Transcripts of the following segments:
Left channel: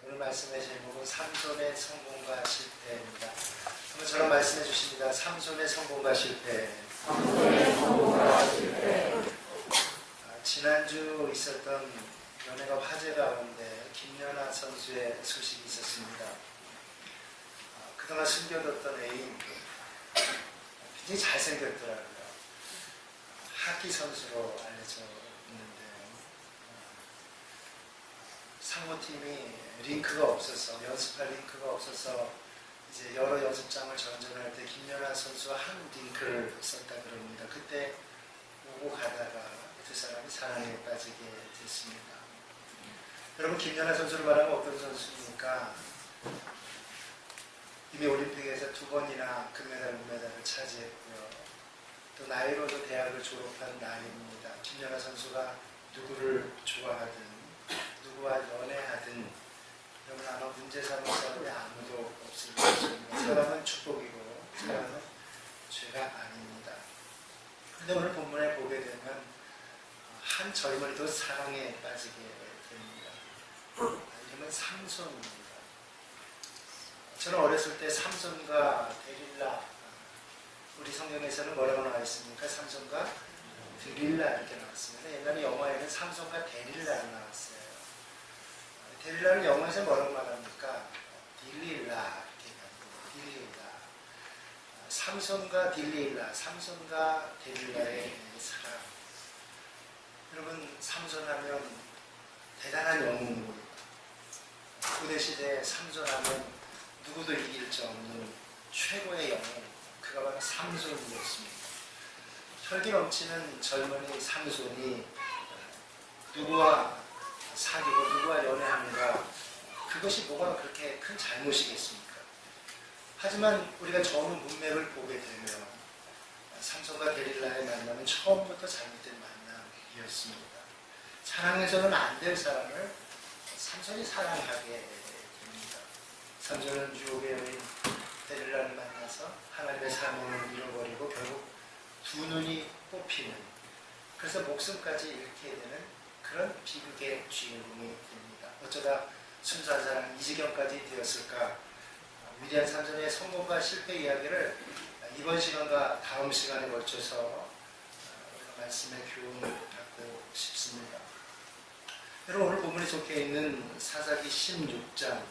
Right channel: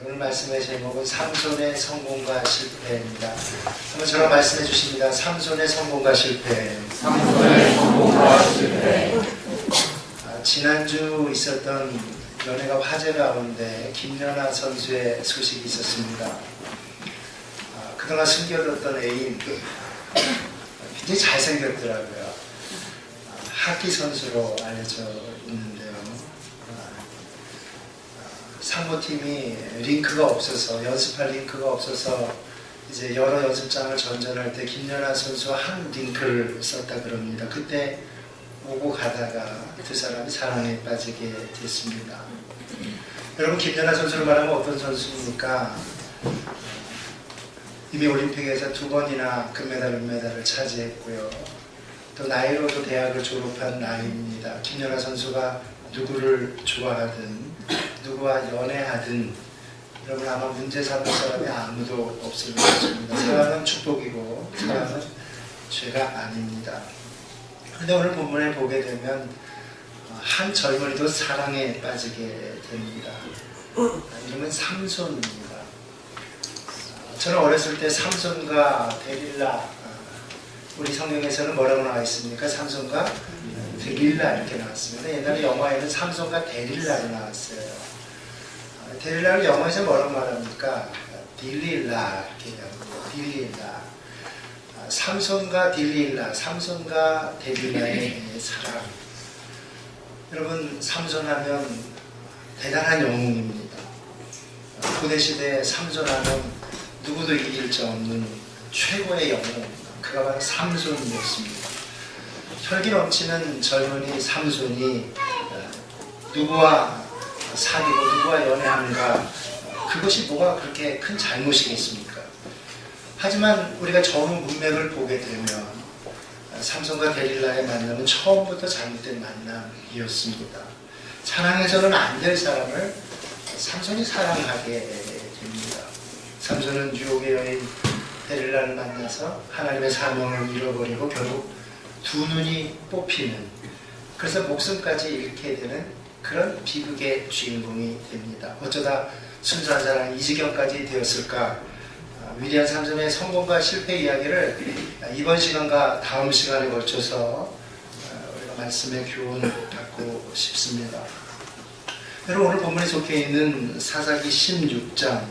오늘 말씀의 제목은 삼손의 성공과 실패입니다. 한번 저랑 말씀해 주십니다. 삼손의 성공과 실패. 삼손의 성공과 실패. 지난주 있었던 연예가 화제 가운데 김연아 선수의 소식이 있었습니다. 그동안 숨겨뒀던 애인 굉장히 잘생겼더라고요. 하키 선수로 알려져 있는데요. 상무팀이 링크가 없어서, 연습할 링크가 없어서 이제 여러 연습장을 전전할 때 김연아 선수와 한 링크를 썼다 그럽니다. 그때 오고 가다가 두 사람이 사랑에 빠지게 됐습니다. 여러분, 김연아 선수를 말하면 어떤 선수입니까? 이미 올림픽에서 2번이나 금메달, 은메달을 차지했고요. 또 나이로도 대학을 졸업한 나이입니다. 김연아 선수가 누구를 좋아하든 누구와 연애하든 여러분 아마 문제 삼을 사람이 아무도 없을 것입니다. 사랑은 축복이고 사랑은 죄가 아닙니다. 그런데 오늘 본문에 보게 되면 한 젊은이도 사랑에 빠지게 됩니다. 이름은 삼손입니다. 저는 어렸을 때 삼손과 데릴라, 우리 성경에서는 뭐라고 나와 있습니까? 삼손과 데릴라 이렇게 나왔습니다. 옛날에 영화에는 삼손과 데릴라로 나왔어요. 데릴라를 영어에서 뭐라고 말합니까? 딜릴라 이렇게 얘기합니다. 딜릴라. 삼손과 딜릴라, 삼손과 데릴라의 사랑. 여러분, 삼손하면 대단한 영웅입니다. 고대시대에 삼손하면 누구도 이길 수 없는 최고의 영웅, 그가 바로 삼손이었습니다. 혈기 넘치는 젊은이 삼손이 누구와 사귀고 누구와 연애하는가, 그것이 뭐가 그렇게 큰 잘못이겠습니까? 하지만 우리가 전후 문맥을 보게 되면 삼손과 데릴라의 만남은 처음부터 잘못된 만남이었습니다. 사랑해서는 안 될 사람을 삼손이 사랑하게 됩니다. 삼손은 유혹의 여인 데릴라를 만나서 하나님의 사명을 잃어버리고 결국 두 눈이 뽑히는, 그래서 목숨까지 잃게 되는 그런 비극의 주인공이 됩니다. 어쩌다 순수한 사랑이 이 지경까지 되었을까? 위대한 삼손의 성공과 실패 이야기를 이번 시간과 다음 시간에 걸쳐서 우리가 말씀의 교훈 받고 싶습니다. 여러분, 오늘 본문에 적혀 있는 사사기 16장,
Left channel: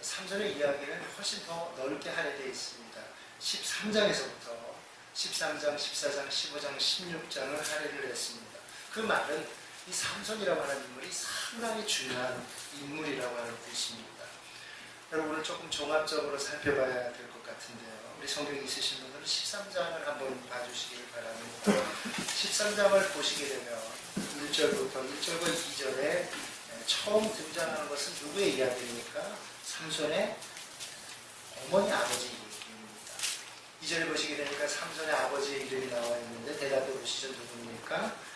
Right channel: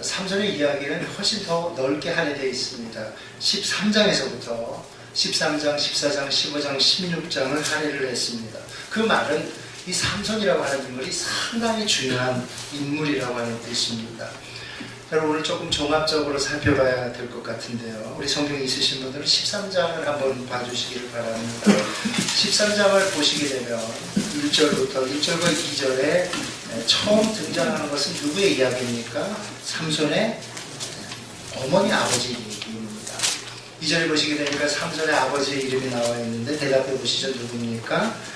삼손의 이야기는 훨씬 더 넓게 할애되어 있습니다. 13장에서부터 13장, 14장, 15장, 16장을 할애를 했습니다. 그 말은 이 삼손이라고 하는 인물이 상당히 중요한 인물이라고 하는 뜻입니다. 여러분, 오늘 조금 종합적으로 살펴봐야 될 것 같은데요. 우리 성경이 있으신 분들은 13장을 한번 봐주시기를 바랍니다. 13장을 보시게 되면 1절부터 1절과 2절에 처음 등장하는 것은 누구의 이야기입니까? 삼손의 어머니, 아버지 얘기입니다. 2절에 보시게 되니까 삼손의 아버지의 이름이 나와 있는데 대답해 보시죠. 누굽니까?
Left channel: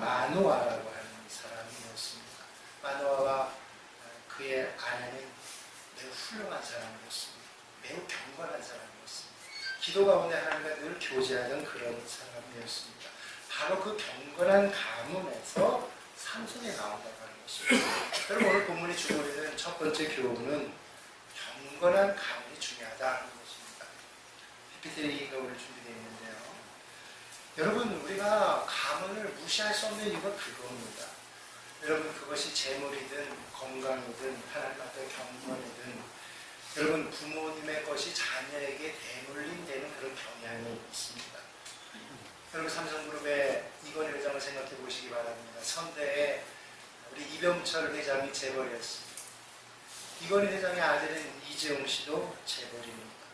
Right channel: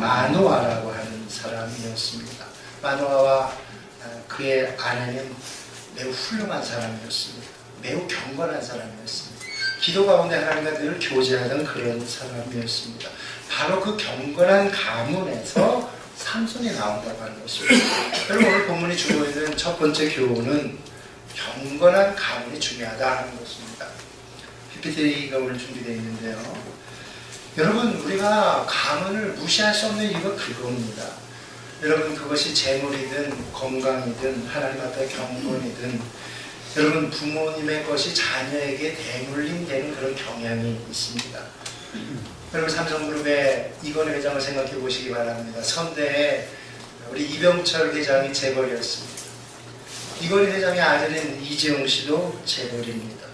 마노아라고 하는 사람이었습니다. 마노아와 그의 아내는 매우 훌륭한 사람이었습니다. 매우 경건한 사람이었습니다. 기도 가운데 하나님과 늘 교제하던 그런 사람이었습니다. 바로 그 경건한 가문에서 삼손이 나온다고 하는 것입니다. 여러분, 오늘 본문이 주고 있는 첫 번째 교훈은 경건한 가문이 중요하다는 것입니다. PPT가 오늘 준비되어 있는데요. 여러분, 우리가 가문을 무시할 수 없는 이유가 그겁니다. 여러분, 그것이 재물이든 건강이든 하나님 앞에 경건이든 여러분, 부모님의 것이 자녀에게 대물림되는 그런 경향이 있습니다. 여러분, 삼성그룹의 이건희 회장을 생각해 보시기 바랍니다. 선대에 우리 이병철 회장이 재벌이었습니다. 이건희 회장의 아들인 이재용 씨도 재벌입니다.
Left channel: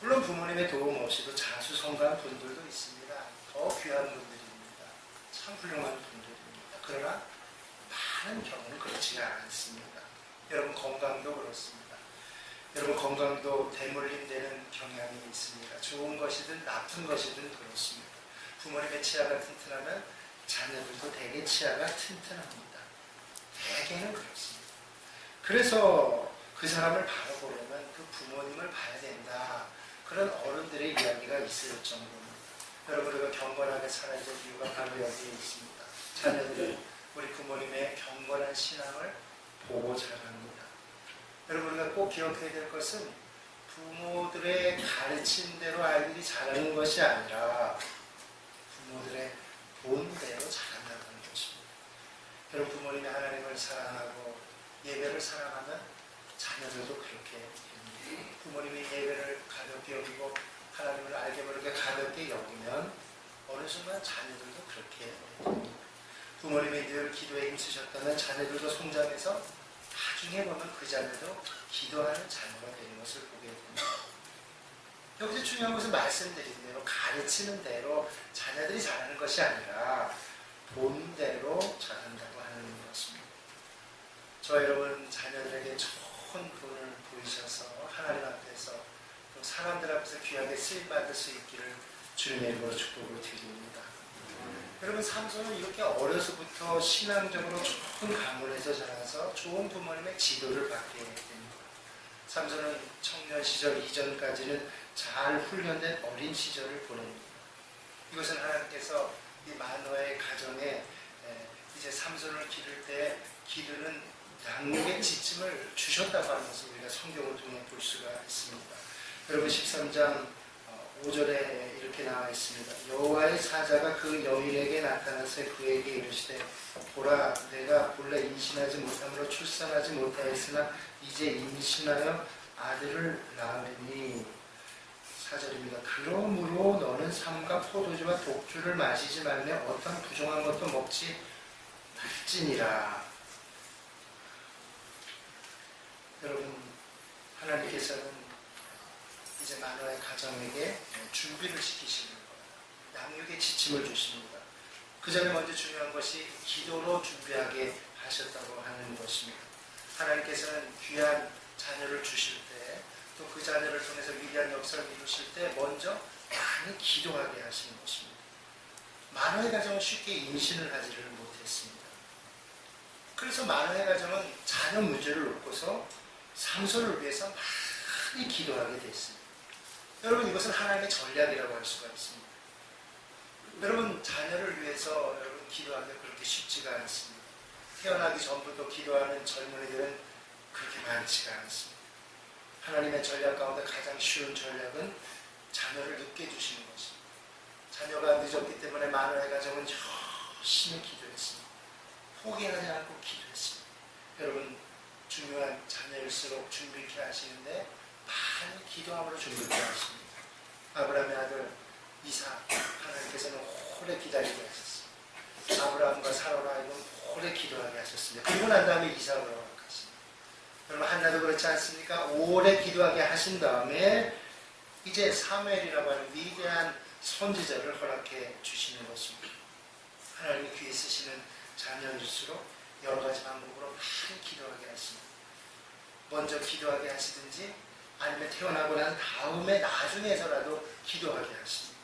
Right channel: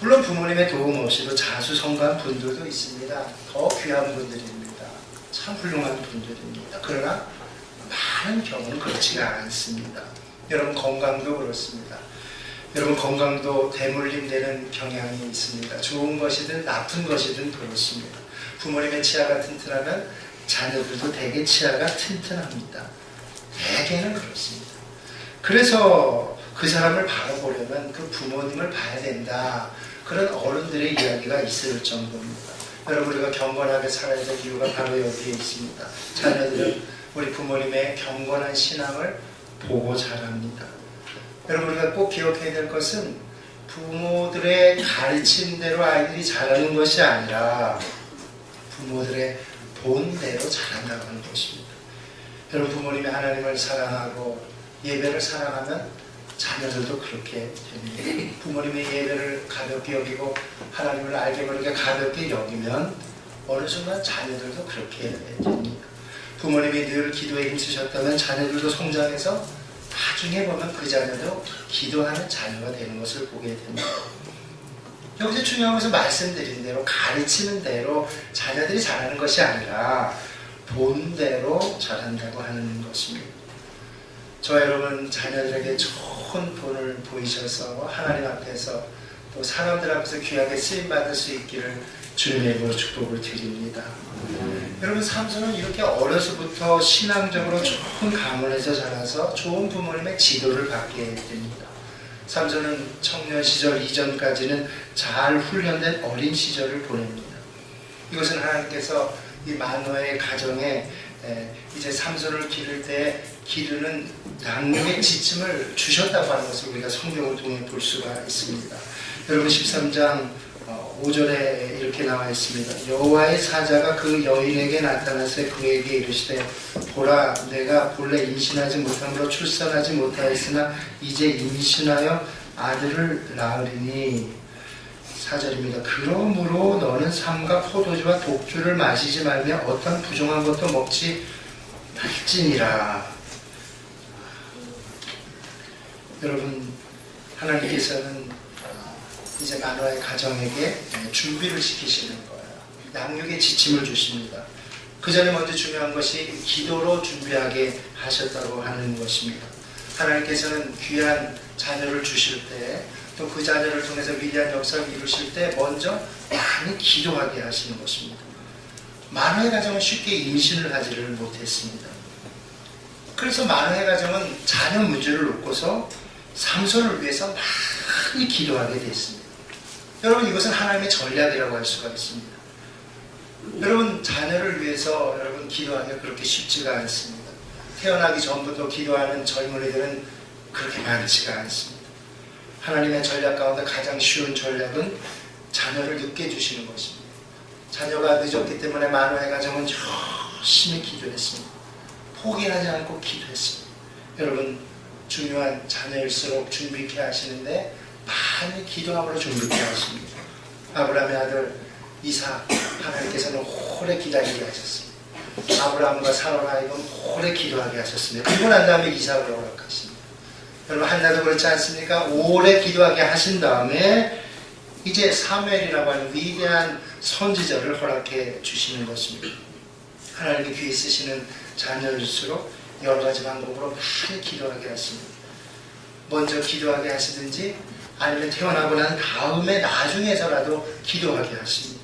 물론 부모님의 도움 없이도 자수성가한 분들도 있습니다. 더 귀한 분들입니다. 참 훌륭한 분들입니다. 그러나 많은 경우는 그렇지가 않습니다. 여러분, 건강도 그렇습니다. 여러분, 건강도 대물림되는 경향이 있습니다. 좋은 것이든 나쁜 것이든 그렇습니다. 부모님의 치아가 튼튼하면 자녀들도 대개 치아가 튼튼합니다. 대개는 그렇습니다. 그래서 그 사람을 바라보려면 그 부모님을 봐야 된다, 그런 어른들의 이야기가 있을 정도입니다. 여러분, 우리가 경건하게 살아야 될 이유가 바로 여기에 있습니다. 자녀들은 우리 부모님의 경건한 신앙을 보고 자랍니다. 여러분, 우리가 꼭 기억해야 될 것은 부모들의 가르침대로 아이들이 자라는 것이 아니라 부모들의 본대로 자란다고 하는 것입니다. 여러분, 부모님이 하나님을 사랑하고 예배를 사랑하면 자녀들도 그렇게 됩니다. 부모님이 예배를 가볍게 여기고 하나님을 알게 모르게 가볍게 여기면 어느 순간 자녀들도 그렇게 됩니다. 부모님이 늘 기도에 힘쓰셨다면 자녀들도 성장해서 나중에 보면 그 자녀도 기도하는 자녀가 되는 것을 보게 됩니다. 여기서 중요한 것은 말씀드린 대로 가르치는 대로 자녀들이 자라는 것이 아니라 본대로 자란다고 하는 것입니다. 저와 여러분, 자녀들에게 좋은 본을 보이셔서 하나님 앞에서 또 사람들 앞에서 귀하게 쓰임받을 수 있기를 주님의 이름으로 축복을 드립니다. 여러분, 삼손은 이렇게 어려서부터 신앙적으로 좋은 가문에서 자라서 좋은 부모님의 지도를 받게 됩니다. 삼손은 청년 시절 이전까지는 잘 훈련된 어린 시절을 보냅니다. 이것은 하나님께서 이 마노아의 가정에 이제 삼손을 기를 때 기르는 양육의 지침을 주셨다고 하는 것을 우리가 성경을 통해 볼 수가 있습니다. 여러분, 13장 5절에 이렇게 나와 있습니다. 여호와의 사자가 그 여인에게 나타나서 그에게 이르시되 보라, 내가 본래 임신하지 못함으로 출산하지 못하였으나 이제 임신하여 아들을 낳으리니. 4절입니다. 그러므로 너는 삼가 포도주와 독주를 마시지 말며 어떤 부정한 것도 먹지 말지니라. 여러분, 하나님께서는 이제 마노아의 가정에게 준비를 시키시는 거예요. 양육의 지침을 주십니다. 그 전에 먼저 중요한 것이 기도로 준비하게 하셨다고 하는 것입니다. 하나님께서는 귀한 자녀를 주실 때, 또 그 자녀를 통해서 위대한 역사를 이루실 때 먼저 많이 기도하게 하시는 것입니다. 마노아의 가정은 쉽게 임신을 하지를 못했습니다. 그래서 마노아의 가정은 자녀 문제를 놓고서 삼손을 위해서 많이 기도하게 됐습니다. 여러분, 이것은 하나님의 전략이라고 할 수가 있습니다. 여러분, 자녀를 위해서 여러분 기도하기가 그렇게 쉽지가 않습니다. 태어나기 전부터 기도하는 젊은이들은 그렇게 많지가 않습니다. 하나님의 전략 가운데 가장 쉬운 전략은 자녀를 늦게 주시는 것입니다. 자녀가 늦었기 때문에 마노아의 가정은 열심히 기도했습니다. 포기하지 않고 기도했습니다. 여러분, 중요한 자녀일수록 준비케 하시는데 많이 기도함으로 준비케 하십니다. 아브라함의 아들 이삭, 하나님께서는 오래 기다리게 하셨습니다. 아브라함과 사라로 하여금 오래 기도하게 하셨습니다. 그리고 난 다음에 이삭을 허락하십니다. 여러분, 한나도 그렇지 않습니까? 오래 기도하게 하신 다음에 이제 사무엘이라고 하는 위대한 선지자를 허락해 주시는 것입니다. 하나님의 귀에 쓰시는 자녀일수록 여러 가지 방법으로 많이 기도하게 하십니다. 먼저 기도하게 하시든지 아니면 태어나고 난 다음에 나중에서라도 기도하게 하십니다.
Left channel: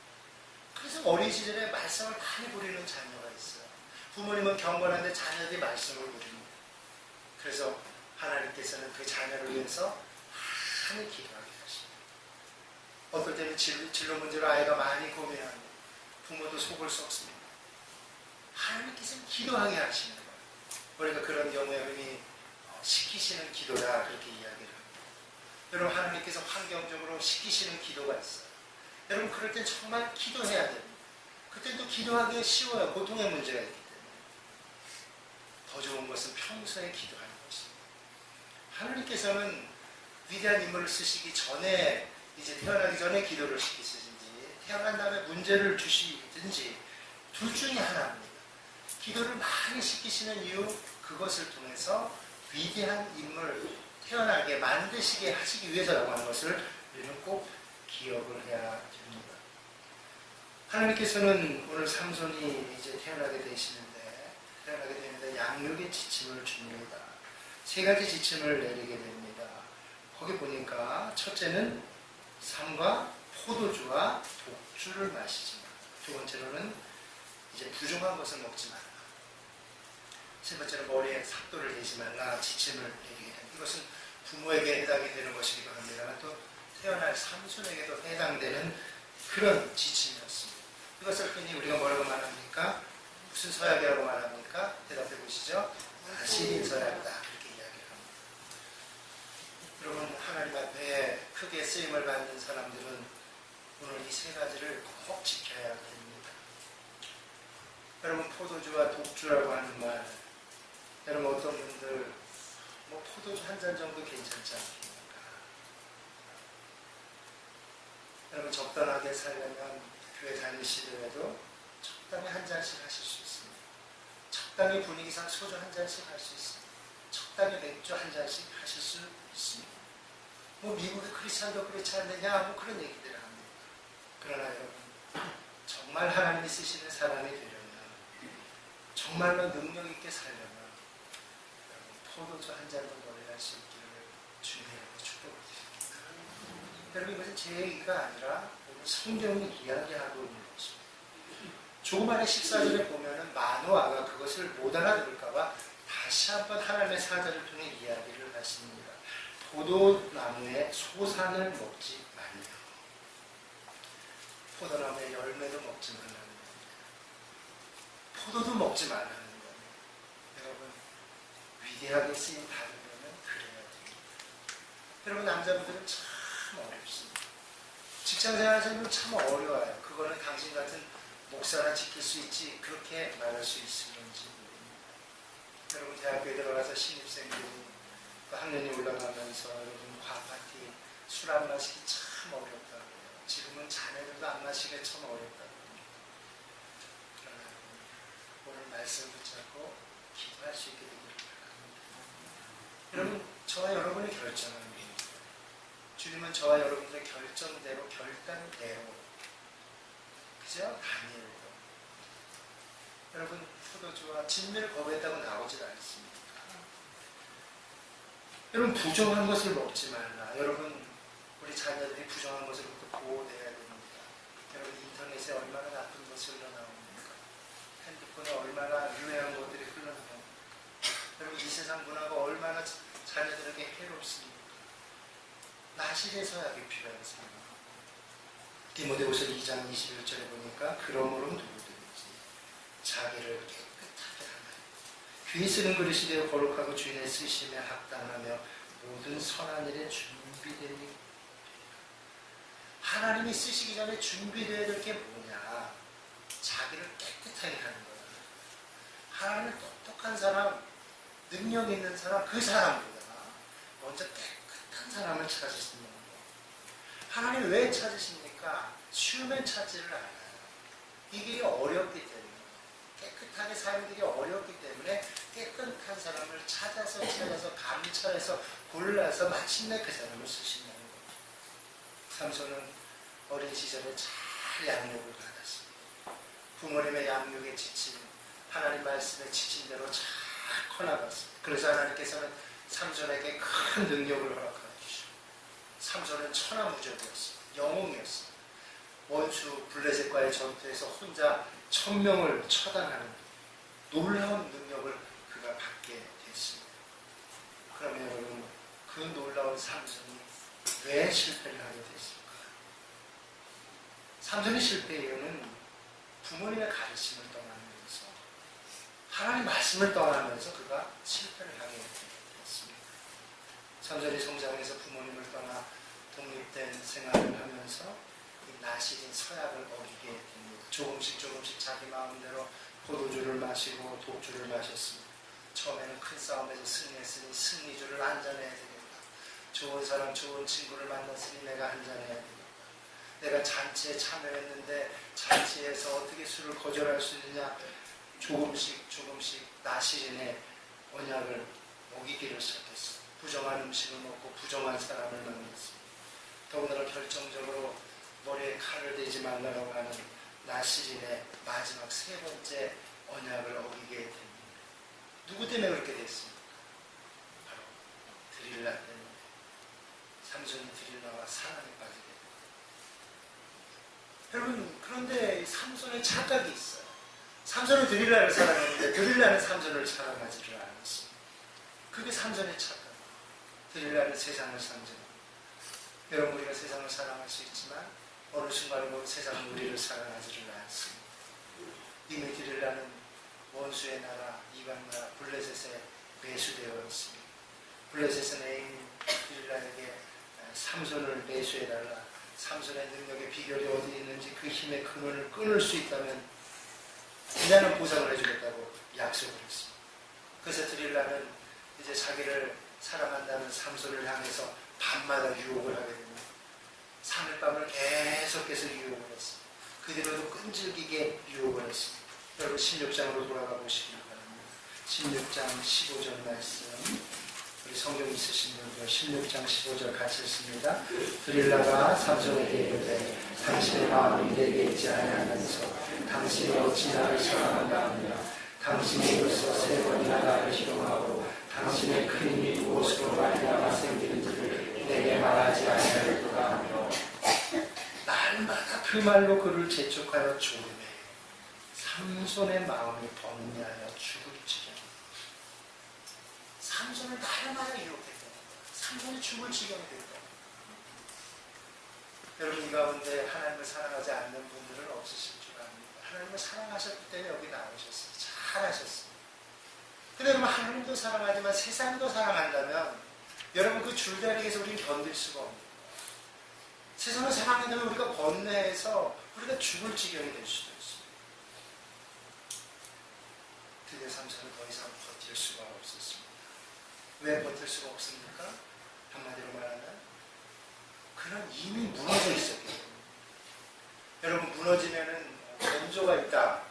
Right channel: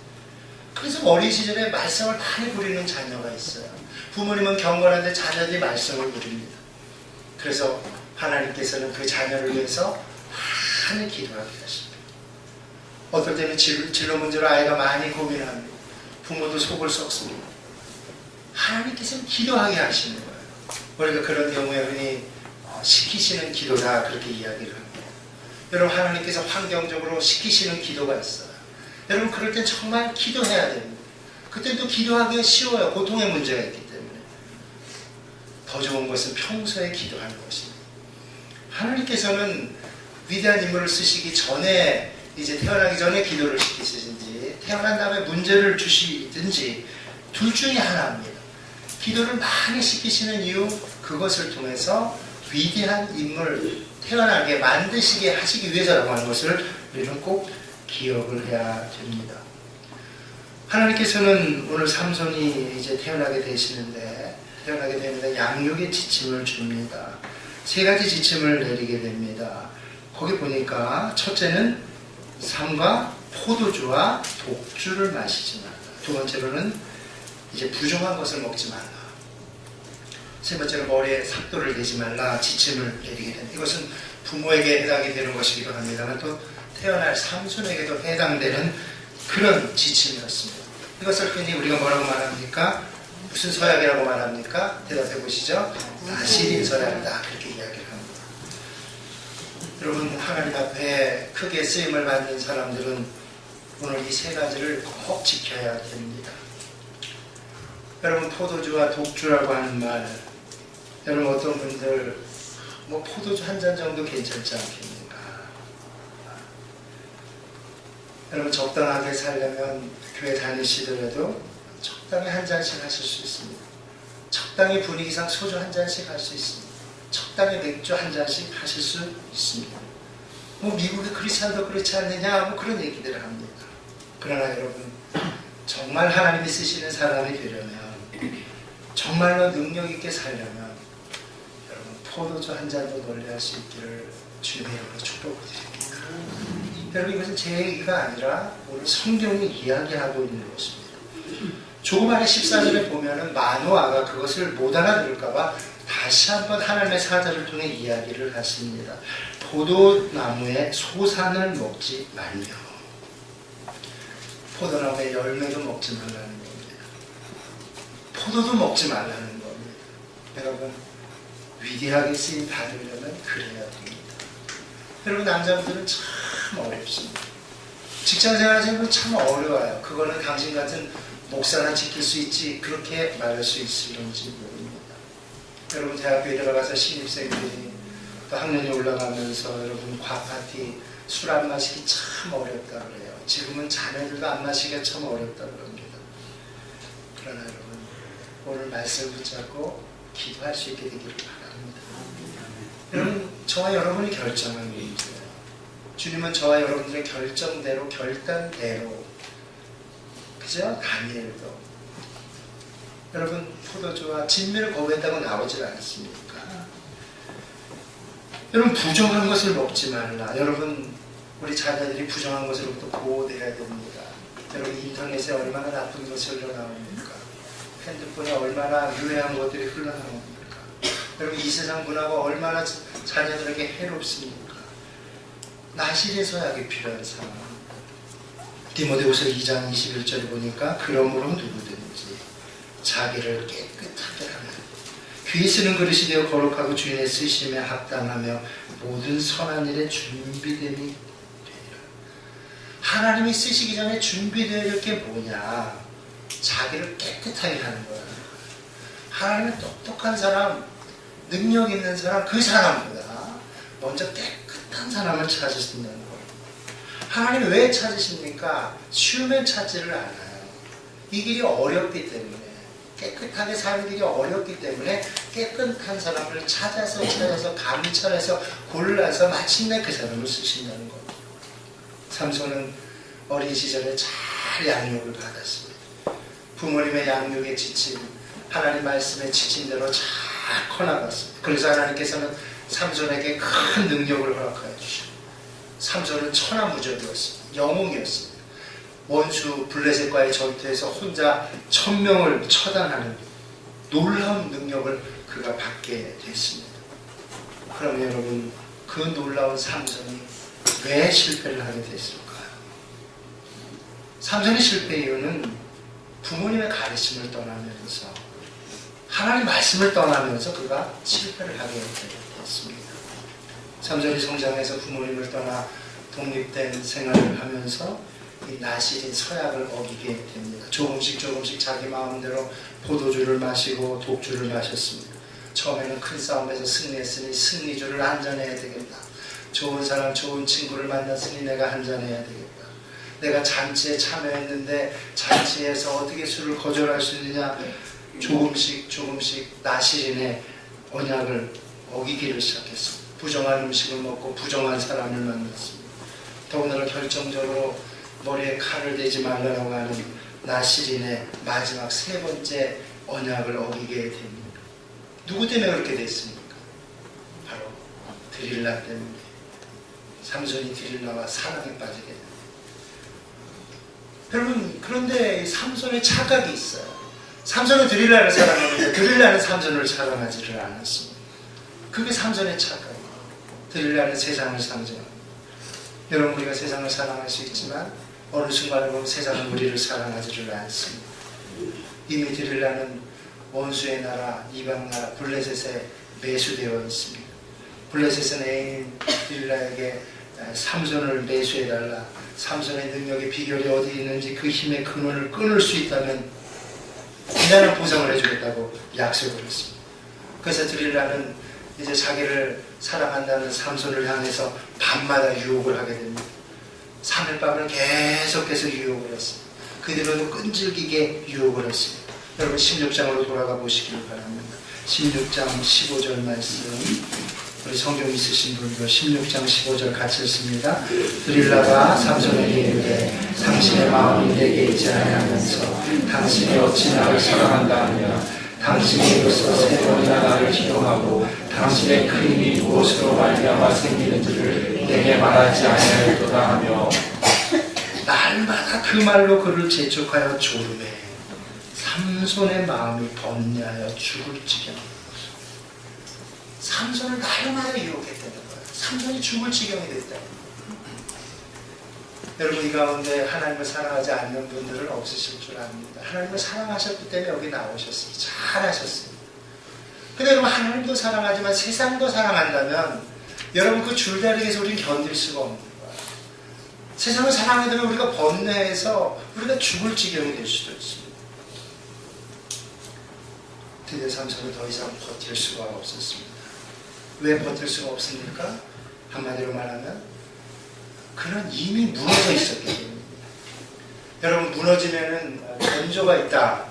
그래서 어린 시절에 말썽을 많이 부리는 자녀가 있어요. 부모님은 경건한데 자녀들이 말썽을 부립니다. 그래서 하나님께서는 그 자녀를 위해서 많이 기도하게 하십니다. 어떨 때는 진로 문제로 아이가 많이 고민합니다. 부모도 속을 썩습니다. 하나님께서는 기도하게 하시는 거예요. 우리가 그런 경우에 흔히 시키시는 기도다 그렇게 이야기를 합니다. 여러분, 하나님께서 환경적으로 시키시는 기도가 있어요. 여러분, 그럴 땐 정말 기도해야 됩니다. 그때 또 기도하기가 쉬워요. 고통의 문제가 있기 때문에. 더 좋은 것은 평소에 기도하는 것입니다. 하나님께서는 위대한 인물을 쓰시기 전에, 이제 태어나기 전에 기도를 시키시든지 태어난 다음에 문제를 주시든지 둘 중에 하나입니다. 기도를 많이 시키시는 이유, 그것을 통해서 위대한 인물 태어나게 만드시게 하시기 위해서라고 하는 것을 우리는 꼭 기억을 해야 됩니다. 하나님께서는 오늘 삼손이 이제 태어나게 되는데 양육의 지침을 줍니다. 세 가지 지침을 내리게 됩니다. 거기 보니까 첫째는 삼가 포도주와 독주를 마시지 말라. 두 번째로는 이제 부정한 것을 먹지 말라. 세 번째로 머리에 삭도를 대지 말라 지침을 내리게 됩니다. 이것은 부모에게 해당이 되는 것이기도 합니다만 또 태어날 삼손에게도 해당되는 그런 지침이었습니다. 이것을 흔히 우리가 뭐라고 말합니까? 무슨 서약이라고 말합니까? 대답해 보시죠. 나시린 서약이다. 그렇게 이야기를 합니다. 여러분, 하나님 앞에 크게 쓰임을 받는 사람들은 오늘 이 세 가지를 꼭 지켜야 됩니다. 여러분, 포도주와 독주라고 하는 말, 여러분 어떤 분들 뭐 포도주 한 잔 정도 괜찮지 않겠는가? 여러분, 적당하게 살려면 교회 다니시더라도 적당히 한 잔씩 하실 수 있습니다. 적당히 분위기상 소주 한 잔씩 할 수 있습니다. 적당히 맥주 한 잔씩 하실 수 있습니다. 뭐 미국의 크리스찬도 그렇지 않느냐, 뭐 그런 얘기들을 합니다. 그러나 여러분, 정말 하나님이 쓰시는 사람이 되려면, 정말로 능력 있게 살려면 여러분 포도주 한 잔도 멀리할 수 있기를 주님의 이름으로 축복을 드립니다. 여러분, 이것은 제 얘기가 아니라 오늘 성경이 이야기하고 있는 것입니다. 조그마한 14절에 보면은 마노아가 그것을 못 알아들을까봐 다시 한번 하나님의 사자를 통해 이야기를 하십니다. 포도나무의 소산을 먹지 말며, 포도나무의 열매도 먹지 말라는 겁니다. 포도도 먹지 말라는 겁니다. 여러분, 위대하게 쓰임 받으려면 그래야 됩니다. 여러분, 남자분들은 참 어렵습니다. 직장생활 하시는 분 참 어려워요. 그거는 당신 같은 목사나 지킬 수 있지, 그렇게 말할 수 있을런지 모릅니다. 여러분, 대학교에 들어가서 신입생들이 또 학년이 올라가면서 여러분 과파티, 술 안 마시기 참 어렵다 그래요. 지금은 자매들도 안 마시기가 참 어렵다 그럽니다. 그러나 여러분, 오늘 말씀 붙잡고 기도할 수 있게 되기를 바랍니다. 여러분, 저와 여러분이 결정한 문제예요. 주님은 저와 여러분들의 결정대로, 결단대로, 그죠? 다니엘도 여러분 포도주와 진미를 거부했다고 나오질 않습니까? 여러분, 부정한 것을 먹지 말라. 여러분, 우리 자녀들이 부정한 것으로부터 보호돼야 됩니다. 여러분, 인터넷에 얼마나 나쁜 것이 흘러나옵니까? 핸드폰에 얼마나 유해한 것들이 흘러나옵니까? 여러분, 이 세상 문화가 얼마나 자녀들에게 해롭습니까? 나실의 서약이 필요한 상황. 디모데후서 2장 21절에 보니까 그러므로 누구든지 자기를 깨끗하게 하며 귀히 쓰는 그릇이 되어 거룩하고 주인의 쓰심에 합당하며 모든 선한 일에 준비됨이 되리라. 하나님이 쓰시기 전에 준비되어야 될 게 뭐냐? 자기를 깨끗하게 하는 거야. 하나님은 똑똑한 사람, 능력 있는 사람, 그 사람보다 먼저 깨끗한 사람을 찾으신다는 거예요. 하나님 왜 찾으십니까? 쉬우면 찾지를 않아요. 이 길이 어렵기 때문에, 깨끗하게 사는 길이 어렵기 때문에 깨끗한 사람을 찾아서 감찰해서 골라서 마침내 그 사람을 쓰신다는 거예요. 삼손은 어린 시절에 잘 양육을 받았습니다. 부모님의 양육에 지친, 하나님 말씀에 지친 대로 잘 커나갔습니다. 그래서 하나님께서는 삼손에게 큰 능력을 허락하여 주셨습니다. 삼손은 천하무적이었습니다. 영웅이었습니다. 원수 블레셋과의 전투에서 혼자 1000명을 처단하는 놀라운 능력을 그가 받게 됐습니다. 그러면 여러분, 그 놀라운 삼손이 왜 실패를 하게 됐을까요? 삼손의 실패 이유는 부모님의 가르침을 떠나면서, 하나님 말씀을 떠나면서 그가 실패를 하게 됐습니다. 삼손이 성장해서 부모님을 떠나 독립된 생활을 하면서 이 나실인 서약을 어기게 됩니다. 조금씩 자기 마음대로 포도주를 마시고 독주를 마셨습니다. 처음에는 큰 싸움에서 승리했으니 승리주를 한잔해야 되겠다. 좋은 사람, 좋은 친구를 만났으니 내가 한잔해야 되겠다. 내가 잔치에 참여했는데 잔치에서 어떻게 술을 거절할 수 있느냐. 조금씩 나실인의 언약을 어기기를 시작했습니다. 부정한 음식을 먹고 부정한 사람을 만났습니다. 더군다나 결정적으로 머리에 칼을 대지 말라고 하는 나실인의 마지막 3번째 언약을 어기게 됩니다. 누구 때문에 그렇게 됐습니까? 바로 드릴라 때문에. 삼손이 드릴라와 사랑에 빠지게 됩니다. 여러분, 그런데 삼손의 착각이 있어요. 삼손은 드릴라를 사랑했는데 드릴라는 삼손을 사랑하지를 않았습니다. 그게 삼손의 착각이에요. 드릴라는 세상을 상징합니다. 여러분, 우리가 세상을 사랑할 수 있지만 어느 순간에 보면 세상은 우리를 사랑하지를 않습니다. 이미 드릴라는 원수의 나라, 이방 나라 블레셋에 매수되어 있습니다. 블레셋은 애인 딜라에게 삼손을 매수해달라, 삼손의 능력의 비결이 어디 있는지 그 힘의 근원을 끊을 수 있다면 대단한 보상을 해주겠다고 약속을 했습니다. 그래서 드릴라는 이제 자기를 사랑한다는 삼손을 향해서 밤마다 유혹을 하게 됩니다. 3일 밤을 계속해서 유혹을 했습니다. 그대로도 끈질기게 유혹을 했습니다. 여러분 16장으로 돌아가 보시길 바랍니다. 16장 15절 말씀, 우리 성경 있으신 분들 16장 15절 같이 읽습니다. 드릴라가 삼손에게 이르되 당신의 마음이 내게 있지 아니하면서 당신이 어찌 나를 사랑한다 하며 당신이 이로써 세 번이나 나를 희롱하고 당신의 큰 힘이 무엇으로 말미암아 생기는지를 내게 말하지 아니하였도다 하며 날마다 그 말로 그를 재촉하여 조르매 삼손의 마음이 번뇌하여 죽을 지경. 삼손을 날마다 유혹했다는 거예요. 삼손이 죽을 지경이 됐다. 여러분 이 가운데 하나님을 사랑하지 않는 분들은 없으실 줄 압니다. 하나님을 사랑하셨기 때문에 여기 나오셨습니다. 잘하셨습니다. 근데 여러분 하나님도 사랑하지만 세상도 사랑한다면 여러분 그 줄다리기에서 우리는 견딜 수가 없는 거예요. 세상을 사랑하게 되면 우리가 번뇌해서 우리가 죽을 지경이 될 수도 있습니다. 드디어 삼손은 더 이상 버틸 수가 없었습니다. 왜 버틸 수가 없습니까? 한마디로 말하면 그는 이미 무너져 있었기 때문입니다. 여러분 무너지면은 전조가 있다.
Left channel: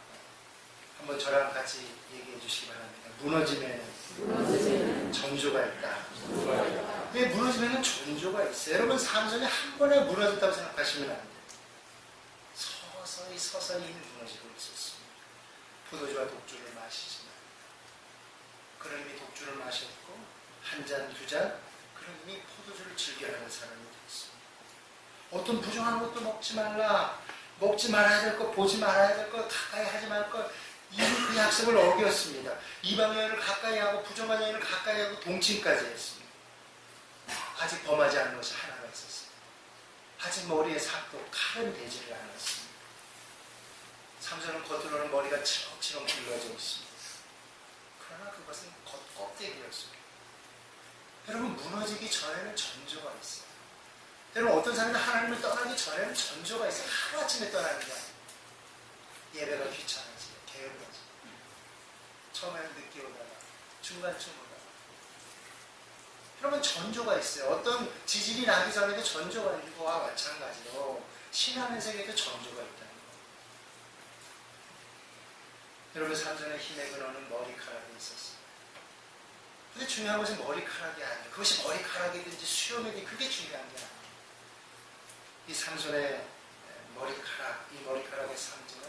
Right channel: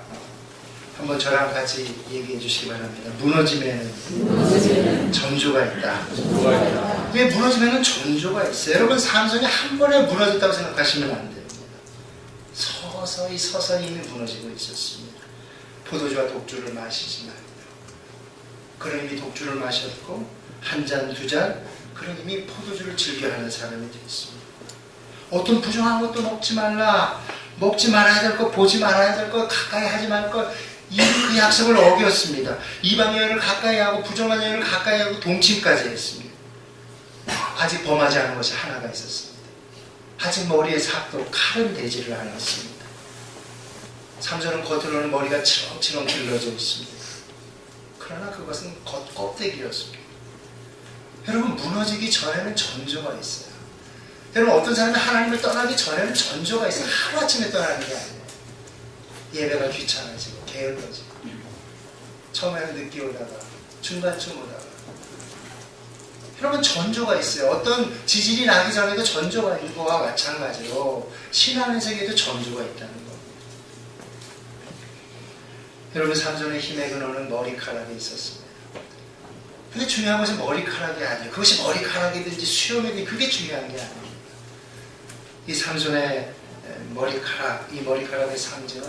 한번 저랑 같이 얘기해 주시기 바랍니다. 무너지면은 전조가 있다. 왜 무너지면은 전조가 있어요? 여러분 삼손이 한 번에 무너졌다고 생각하시면 안 됩니다. 서서히 이미 무너지고 있었습니다. 포도주와 독주를 마시지 말고요. 그는 이미 독주를 마셨고 한 잔, 두 잔, 그는 이미 포도주를 즐겨하는 사람이 되었습니다. 어떤 부정한 것도 먹지 말라, 먹지 말아야 될 것, 보지 말아야 될 것, 가까이 하지 말 것, 이미 그 약속을 어겼습니다. 이방 여인을 가까이 하고 부정한 여인을 가까이 하고 동침까지 했습니다. 아직 범하지 않은 것이 하나가 있었습니다. 아직 머리에 삭도 칼은 되지를 않았습니다. 삼손은 겉으로는 머리가 치렁치렁 길러져 있습니다. 그러나 그것은 껍데기였습니다. 여러분 무너지기 전에는 전조가 있어요. 여러분 어떤 사람은 하나님을 떠나기 전에는 전조가 있어요. 하루아침에 떠나는 게 아니에요. 예배가 귀찮아지고 게을러지고 처음에는 늦게 오다가 중간쯤 오다가 여러분 전조가 있어요. 어떤 지질이 나기 전에도 전조가 있는 거와 마찬가지로 신앙의 세계에도 전조가 있다는 겁니다. 여러분 삼손의 힘의 근원은 머리카락에 있었습니다. 근데 중요한 것은 머리카락이 아니에요. 그것이 머리카락이든지 수염이든지 그게 중요한 게 아니에요. 이 삼손의 머리카락, 이 머리카락의 상징은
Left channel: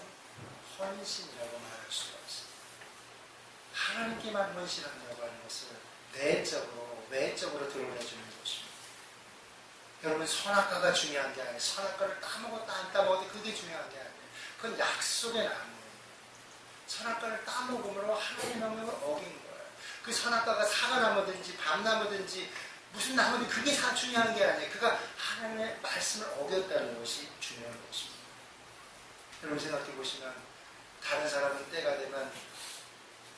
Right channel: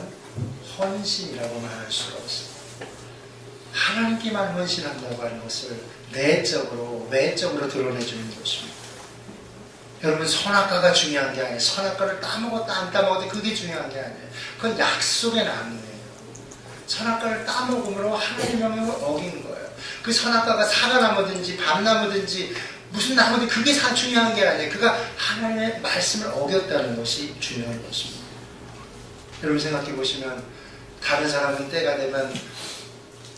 헌신이라고 말할 수가 없습니다. 하나님께만 헌신한다고 하는 것을 외적으로 드러내주는 것입니다. 여러분 선악과가 중요한 게 아니에요. 선악과를 따먹었다 안 따먹었다 그게 중요한 게 아니에요. 그건 약속의 나무예요. 선악과를 따먹음으로 하나님의 명령을 어긴 거예요. 그 선악과가 사과나무든지 밤나무든지 무슨 나무든 그게 중요한 게 아니에요. 그가 하나님의 말씀을 어겼다는 것이 중요한 것입니다. 여러분 생각해 보시면 다른 사람은 때가 되면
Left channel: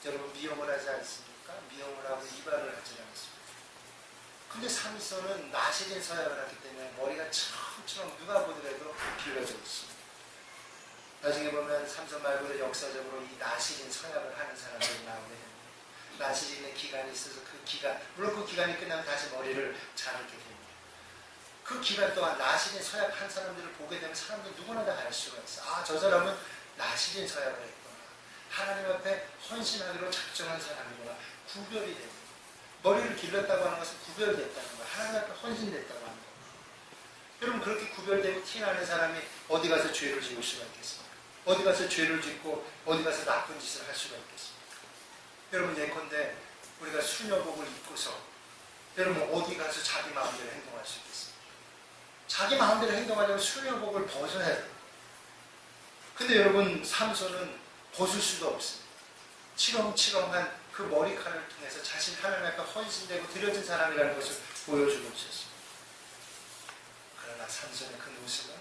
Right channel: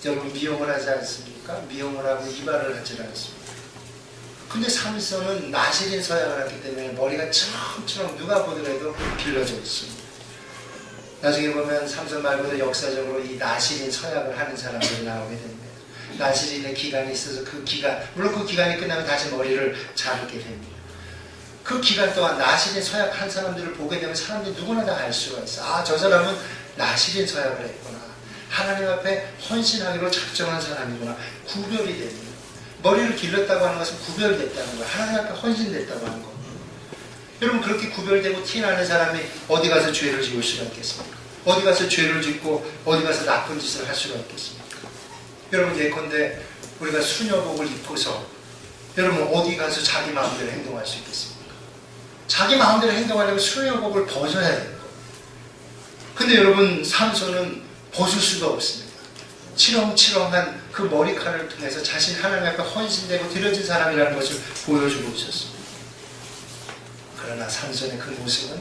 여러분 미용을 하지 않습니까? 미용을 하고 이발을 하지 않습니까? 근데 삼손은 나시린 서약을 했기 때문에 머리가 처럼 누가 보더라도 길러져 있습니다. 나중에 보면 삼손 말고도 역사적으로 이 나시린 서약을 하는 사람들이 나오게 됩니다. 나시린의 기간이 있어서 그 기간, 물론 그 기간이 끝나면 다시 머리를 자르게 됩니다. 그 기간 동안 나시린 서약 한 사람들을 보게 되면 사람들이 누구나 다 알 수가 있어. 아, 저 사람은 나시린 서약을 했구나. 하나님 앞에 헌신하기로 작정한 사람이구나. 구별이 됩니다. 머리를 길렀다고 하는 것은 구별됐다는 거예요. 하나님 앞에 헌신됐다고 하는 겁니다. 여러분 그렇게 구별되고 티나는 사람이 어디 가서 죄를 지을 수가 있겠습니까? 어디 가서 죄를 짓고 어디 가서 나쁜 짓을 할 수가 있겠습니까? 여러분 예컨대 우리가 수녀복을 입고서 여러분 어디 가서 자기 마음대로 행동할 수 있겠습니까? 자기 마음대로 행동하려면 수녀복을 벗어야 돼요. 근데 여러분 삼손은 벗을 수가 없습니다. 치렁치렁한 그 머리카락을 통해서 자신 하나님 앞에 헌신되고 드려진 사람이라는 것을 보여주고 있었습니다. 그러나 삼손의 그 모습은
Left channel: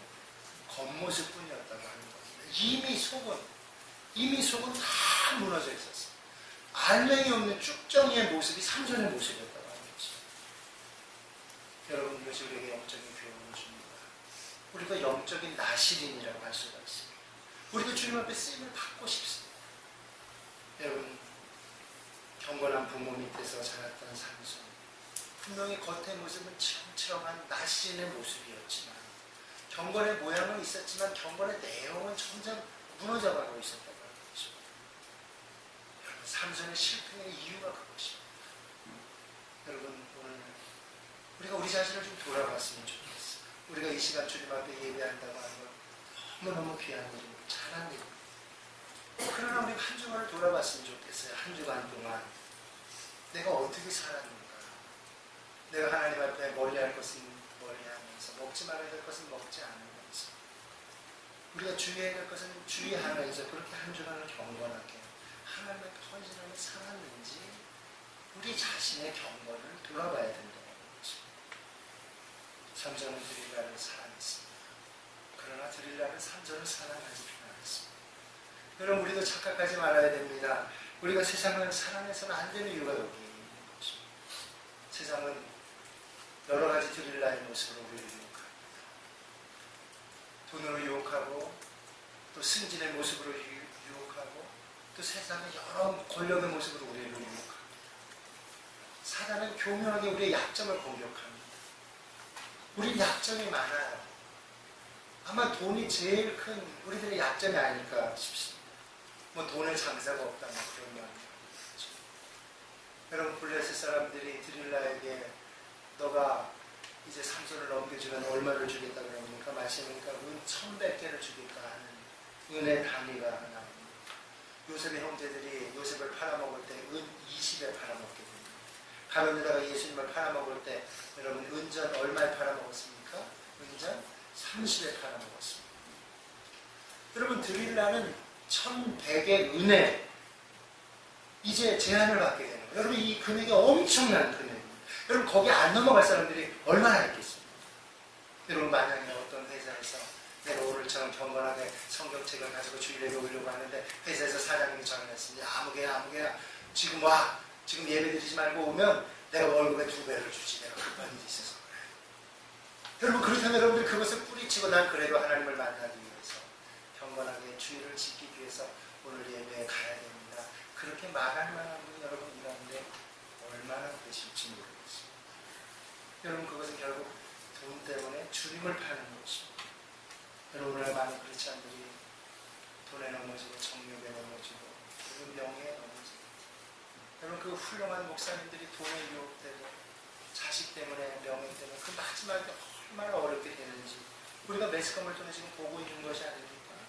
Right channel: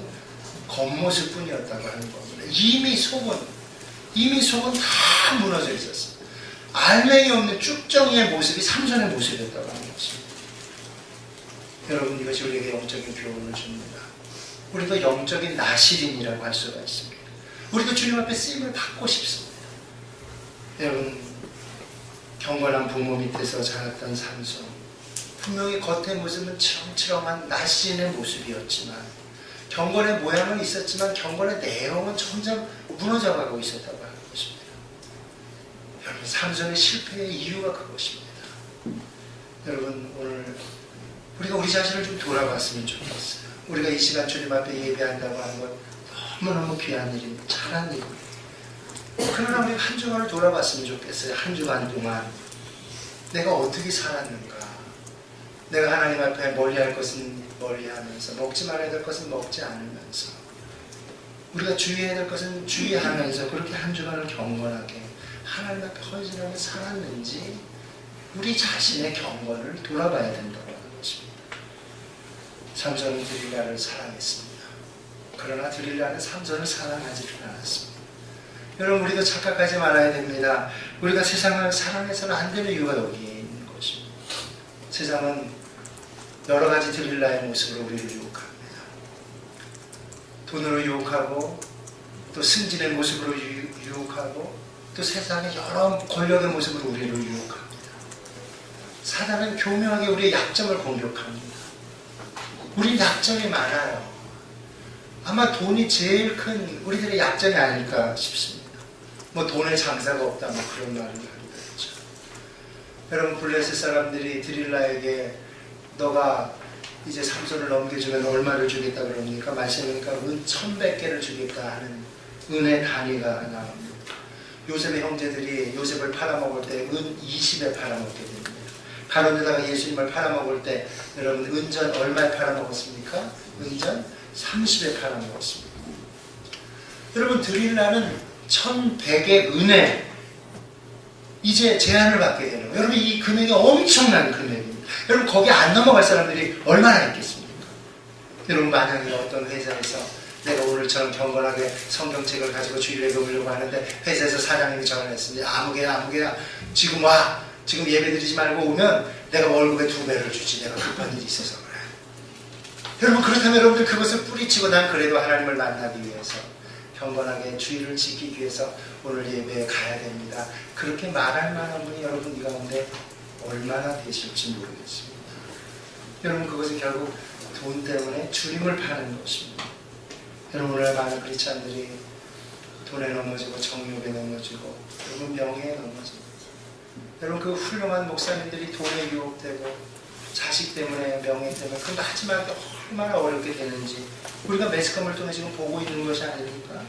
겉모습뿐이었다고 하는 겁니다. 이미 속은 다 다 무너져 있었어요. 알맹이 없는 쭉정이의 모습이 삼손의 모습이었다고 하는 것입니다. 여러분, 이것이 우리에게 영적인 교훈을 줍니다. 우리도 영적인 나실인이라고 할 수가 있습니다. 우리도 주님 앞에 쓰임을 받고 싶습니다. 여러분, 경건한 부모 밑에서 자랐던 삼손, 분명히 겉의 모습은 치렁치렁한 나실인의 모습이었지만, 경건의 모양은 있었지만 경건의 내용은 점점 무너져가고 있었다고 하는 것입니다. 여러분, 삼손의 실패의 이유가 그것입니다. 여러분, 오늘 우리가 우리 자신을 좀 돌아봤으면 좋겠어요. 우리가 이 시간 주님 앞에 예배한다고 하는 건 너무너무 귀한 일입니다. 잘한 일입니다. 그러나 우리가 한 주간을 돌아봤으면 좋겠어요. 한 주간 동안 내가 어떻게 살았는가, 내가 하나님 앞에 멀리할 것은 멀리하면서, 먹지 말아야 될 것은 먹지 않으면서, 우리가 주의해야 될 것은 주의하면서 그렇게 한 주간을 경건하게 하나님 앞에 헌신하며 살았는지 우리 자신의 경건을 돌아봐야 된다고 하는 것입니다. 삼손은 드릴라를 사랑했습니다. 그러나 드릴라는 삼손을 사랑하지 않았습니다. 여러분, 우리도 착각하지 말아야 됩니다. 우리가 세상을 사랑해서는 안 되는 이유가 여기에 있는 것입니다. 세상은 여러 가지 드릴라의 모습으로 우리를 유혹합니다. 돈으로 유혹하고, 또 승진의 모습으로 유혹하고, 또 세상의 여러 권력의 모습으로 우리를 유혹합니다. 사단은 교묘하게 우리의 약점을 공격합니다. 우리 약점이 많아요. 아마 돈이 제일 큰 우리들의 약점이 아닐까 싶습니다. 뭐 돈에 장사가 없다, 뭐 그런 말을 하기도 했죠. 여러분, 블레셋 사람들이 드릴라에게 너가 이제 삼손을 넘겨주면 얼마를 주겠다 그러니까 말씀하니까 은 1,100개를 주겠다 하는 은의 단위가 나옵니다. 요셉의 형제들이 요셉을 팔아먹을 때 은 20에 팔아먹게 됩니다. 가론에다가 예수님을 팔아먹을 때 여러분, 은전 얼마에 팔아먹었습니까? 은전 30에 팔아먹었습니다. 여러분, 드릴라는 1,100의 은에 이제 제한을 받게 되는 거예요. 여러분, 이 금액이 엄청난 금액입니다. 여러분, 거기 안 넘어갈 사람들이 얼마나 있겠습니까? 여러분, 만약에 어떤 회사에서 내가 오늘처럼 경건하게 성경책을 가지고 주일에 배우려고 하는데 회사에서 사장님이 전화했습니다. 아무개야 지금 와, 지금 예배 드리지 말고 오면 내가 월급의 2배를 주지. 내가 급한 일이 있어서 그래. 여러분, 그렇다면 여러분들 그것을 뿌리치고 난 그래도 하나님을 만나기 위해서, 경건하게 주의를 지키기 위해서 오늘 예배에 가야 됩니다. 그렇게 말할 만한 분이 여러분 이 가운데 얼마나 되실지 모르겠습니다. 여러분, 그것은 결국 돈 때문에 주님을 파는 것입니다. 여러분, 오늘 많은 크리스찬들이 돈에 넘어지고 정욕에 넘어지고 여러분 명예에 넘어지고, 여러분 그 훌륭한 목사님들이 돈에 유혹되고 자식 때문에, 명예 때문에 그 마지막에 얼마나 어렵게 되는지 우리가 매스컴을 통해 지금 보고 있는 것이 아닙니까?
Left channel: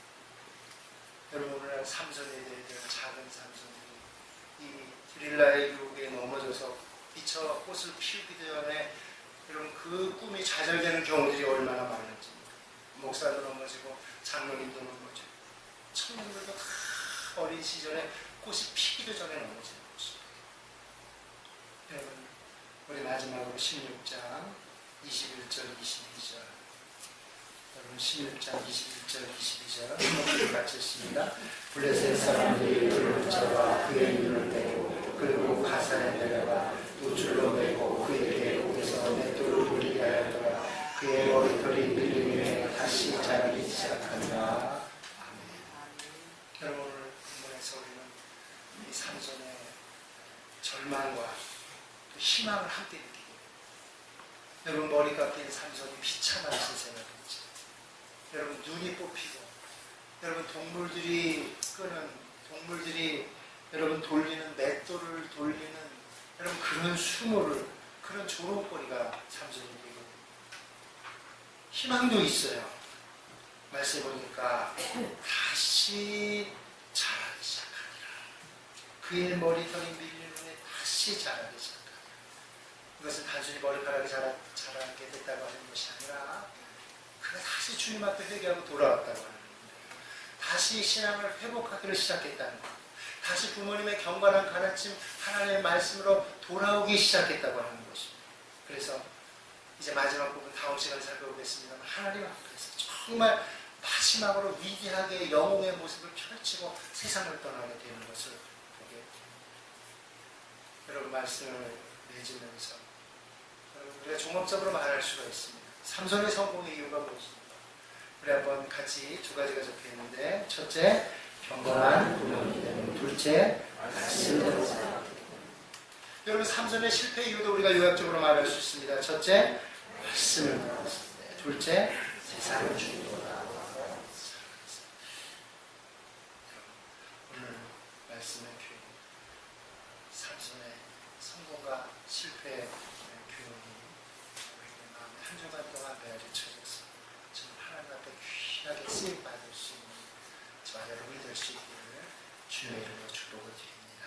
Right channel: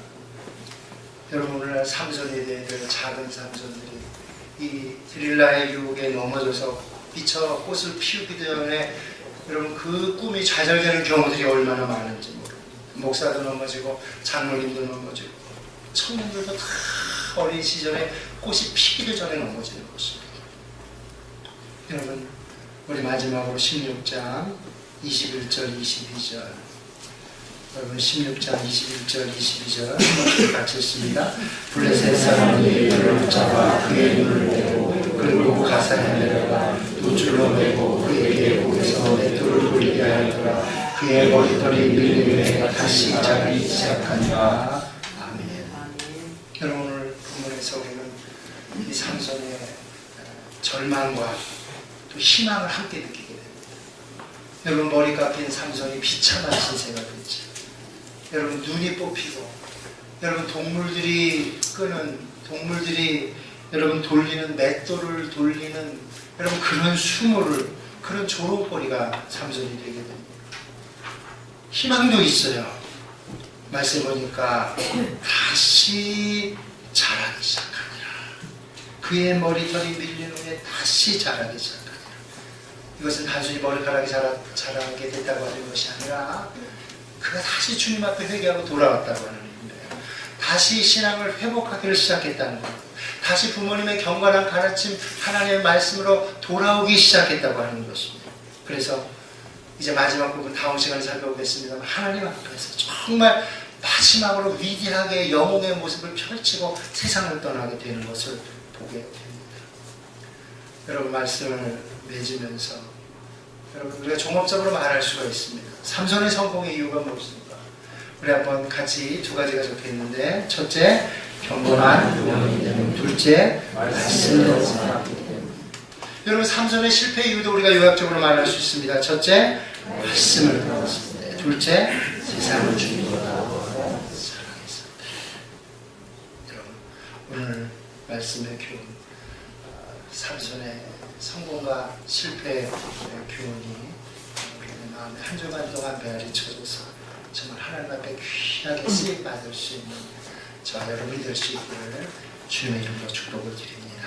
여러분, 오늘날 삼손에 대해 작은 삼손들이 이 드릴라의 유혹에 넘어져서 미처 꽃을 피우기 전에 여러분 그 꿈이 좌절되는 경우들이 얼마나 많은지 모릅니다. 목사도 넘어지고 장로님도 넘어지고 청년들도 다 어린 시절에 꽃이 피기도 전에 넘어지는 것입니다. 여러분, 우리 마지막으로 16장 21절 22절, 여러분 16장 21절 22절 한번 같이 읽습니다. 블레셋 사람이 그를 붙잡아 그의 눈을 떼고 그리고 가사에 내려가 노줄로 매고 그에게 목에서 맷돌을 돌리게 하였더라. 그의 머리털이 밀림에 다시 자라기 시작하니라. 아멘. 여러분, 오늘 본문에서 우리는 이 삼손의 절망과 또 희망을 함께 느끼게 됩니다. 여러분, 머리 깎인 삼손이 비참한 신세가 됐죠. 여러분, 눈이 뽑히고, 여러분 동물들이 여러분 돌리는 맷돌을 돌리는 여러분 그런 수모를, 그런 조롱거리가 삼손이 되게 됩니다. 희망도 있어요. 말씀 보니까 다시 자라기 시작하니라. 그의 머리털이 밀린 후에 다시 자라기 시작하니라. 이것은 단순히 머리카락이 자라게 됐다고 하는 것이 아니라 그가 다시 주님 앞에 회개하고 돌아왔다고 하는 의미예요. 다시 신앙을 회복하기를 시작했다는 것, 다시 부모님의 경건한 가르침, 하나님의 말씀으로 돌아오기 시작했다고 하는 것입니다. 그래서 이제 마지막 부분 다음 시간에 살펴보겠습니다만, 하나님 앞에서 정말 마지막으로 위대하게 영웅의 모습을 펼치고 세상을 떠나게 되는 것을 보게 됩니다. 여러분, 말씀을 맺으면서 여러분, 우리가 종합적으로 말할 수가 있습니다. 삼손의 성공의 이유가 무엇입니까? 우리 한번 같이 두 가지가 적혀 있는데, 첫째, 경건한 영이기 때문에, 둘째, 말씀대로 살았기 때문에. 여러분, 삼손의 실패 이유도 우리가 요약적으로 말할 수 있습니다. 첫째, 말씀을 들었을 때, 둘째, 세상을 주님보다 사랑했습니다. 여러분, 오늘 말씀의 교훈, 삼손의 성공과 실패의 교훈이 우리의 마음에 한 주간 동안 메아리 쳐져서 정말 하나님 앞에 귀하게 쓰임 받을 수 있는 저와 여러분이 될 수 있기를 주님의 이름으로 축복을 드립니다.